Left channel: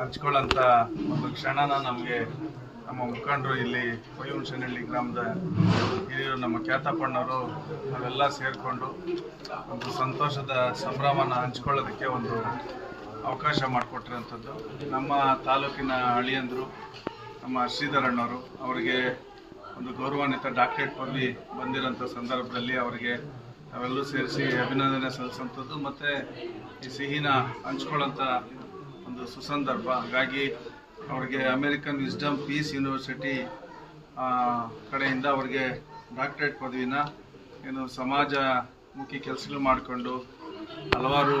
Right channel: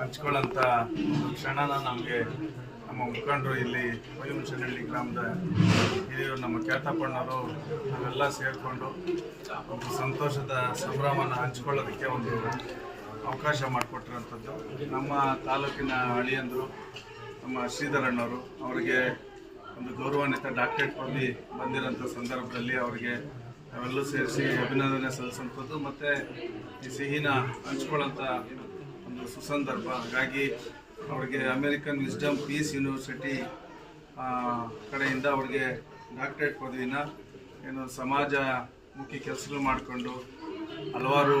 ಹಂಚ್ಕೊಳ್ಳೋಂಥ ಒಂದು ಕ್ಷಣನ ನಮಗೆ ನಮ್ಮ ಮುಖಂಡರು ಇಲ್ಲಿ ವೈಹುಂಶನಹಳ್ಳಿ ಗ್ರಾಮದ ಹಿರಿಯರು, ನಮ್ಮ ಖ್ಯಾತಪ್ಪಣ್ಣವರು, ನಾವೆಲ್ಲ ಸೇರಿಕೊಂಡು ಒಂದು ಸಂತೋಷದ ಸಂಭ್ರಮನ ಹಂಚ್ಕೊಳ್ಳೋದಕ್ಕೆ ಒಂದು ಅವಕಾಶ ಮಾಡಿಕೊಟ್ಟಿರೋಂಥದ್ದು ನಮ್ಮ ತಾಲೂಕಿನ ಅಳಿಯಂದರು, ನಮ್ಮ ಶ್ರೀಧರಣ್ಣವರು ಅವರಿಗೆ ಒಂದು ಗೌರವಾನ್ವಿತ ಡಾಕ್ಟರೇಟ್ ಪದವಿ ಬಂದಿರೋಂಥ ಸಂದರ್ಭದಲ್ಲಿ ಅವರಿಗೆ ನಾವೆಲ್ಲೂ ಸೇರಿಸಿ ಅಭಿನಂದನೆ ಸಲ್ಲಿಸುವಂಥದ್ದು. ಮತ್ತು ಈ ಸಿಹಿನ ಹಂಚ್ಕೊಳ್ಳೋಂಥ ಒಂದು ಸುಸಂದರ್ಭ. ಹಾಗಾಗಿ ಅವರಿಗೆ ಅಮೇರಿಕನ್ ವಿಸ್ಡಮ್ ಪೀಸ್ ಯೂನಿವರ್ಸಿಟಿ ಕಡೆಯಿಂದ ಅವರಿಗೆ ಡಾಕ್ಟರೇಟ್ ಪದವಿನ ಏನು ಸಮಾಜ ಮುಖ್ಯ ಕೆಲಸಗಳು ಮಾಡಿಕೊಂಡು ಹಲವಾರು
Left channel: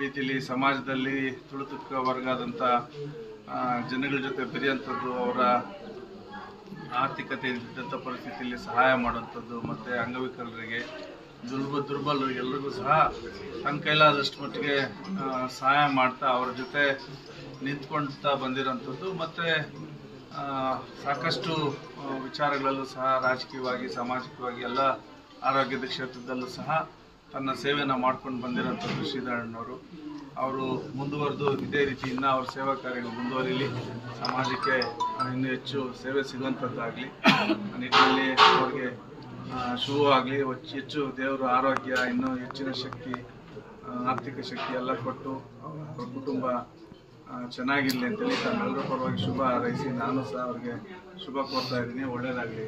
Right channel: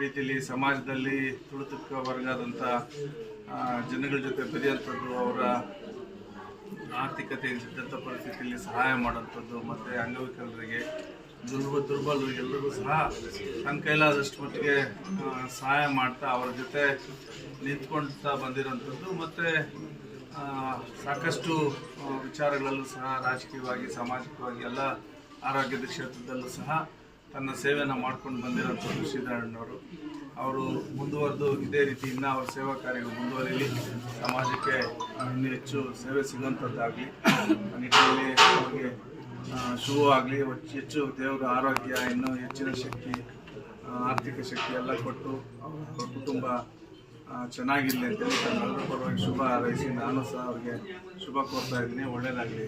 ರೀತಿಯಲ್ಲಿ ಸಮಾಜದಲ್ಲಿ ತುಳಿತಕ್ಕ ವರ್ಗಾದಂಥ ಜನಗಳ ಜೊತೆ ಬೆರೆಯುವಂಥದ್ದು ಅವರ ಆರ್ಥಿಕತೆ ಇದ್ದಂಥ ಪರಿಸ್ಥಿತಿಯಲ್ಲಿ ಸಹಾಯ ಮಾಡುವಂಥದ್ದು ಮತ್ತು ಅಂಗವಿಕಲರಿಗೆ ದುರ್ಬ ದುರ್ಬಲರು ಎಲ್ಲರಿಗೂ ಸಹ ತನ್ನ ಕೈಲಾದಷ್ಟು ಮಟ್ಟಿಗೆ ಸಹಾಯ ಮಾಡ್ತಾ ಅವರ ಜೊತೆ ನಿಂತ್ಕೊಳ್ತಾ ಬಂದಿರೋಂಥದ್ದು. ಮತ್ತು ಸಾಕಷ್ಟು ವಿಚಾರಗಳಲ್ಲೂ ಸಹ ರಾಜಕೀಯವಾಗಿ, ಸಾಮಾಜಿಕವಾಗಿ ಎಲ್ಲ ಆರೋಗ್ಯದ ಕ್ಷೇತ್ರದಲ್ಲೂ ಸಹ ತನ್ನ ಸೇವೆಯನ್ನು ಮಾಡ್ಕೊಂಡು ಬಂದಿರೋಂಥದ್ದು ಶ್ರೀಧರಣ್ಣವರು. ಅವರು ಮುಂದುವರೆದು ಇದೇ ರೀತಿ ಇನ್ನೂ ಅವ್ರ ಸೇವಾ ಕಾರ್ಯಗಳು ಮುಂದುವರಿಲಿ. ಸಮಾಜಕ್ಕೆ ಇನ್ನೂ ಹೆಚ್ಚು ಸೇವೆ ಸಿಗುವಂಥದ್ದಾಗಲಿ. ನಿಟ್ಟಿನಲ್ಲಿ ಅವರಿಗೆ ಆ, ಆಗಲಿ ಹೆಚ್ಚು ದೇವರ ಆರೋಗ್ಯ ಇನ್ನೂ ಹೆಚ್ಚಿನ ಶಕ್ತಿ ಆರ್ಥಿಕ ಶಕ್ತಿ ಎಲ್ಲ ಕೊಟ್ಟು ಅವ್ರ ಕುಟುಂಬ ಚೆನ್ನಾಗಿರಲಿ ಅಂತ ಹೇಳಿ ತಮ್ಮೆಲ್ಲರ ಪರವಾಗಿ ಶುಭ ಹಾರೈಸಿ ನಾನು ಸಹ ಅವ್ರಿಗೆ ಶುಭ ಕೋರ್ತಾ ಇದ್ದೀನಿ. ಒಳ್ಳೆಯದಾಗಲಿ